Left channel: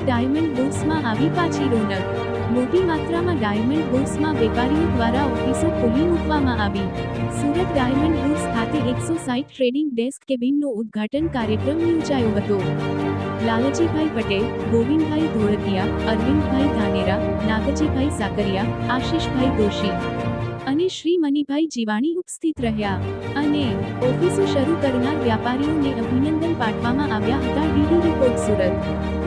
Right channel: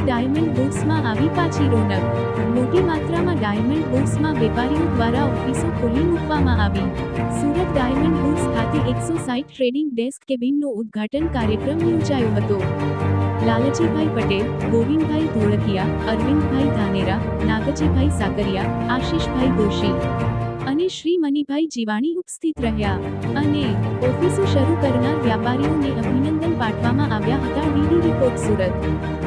Surat diamond બુર્સમાં આવી પાછી રોનક। મોટી માત્રામાં ડાયમંડ બુર્સમાં વેપારીઓ દ્વારા ઓફિસો ખોલી મૂકવામાં આવી। સુરત ડાયમંડ બુર્સ ખાતે 160 ટ્રેડિંગ ડેસ્ક કેબિનનો ઉદ્ઘાટન કાર્યક્રમ યોજાયો હતો। લાલજીભાઈ પટેલ, ગોવિંદભાઈ ધોળકિયા, અરવિંદભાઈ ધાનેરા, નાગજીભાઈ સાકરિયા, આશિષભાઈ દોશી અને શ્રી મનીભાઈ જીવાણી ઉપસ્થિત રહ્યા અને ઓફિસો શરૂ કરનાર વ્યાપારીઓને અભિનંદન પાઠવવામાં આવ્યા હતા। DD report Surat.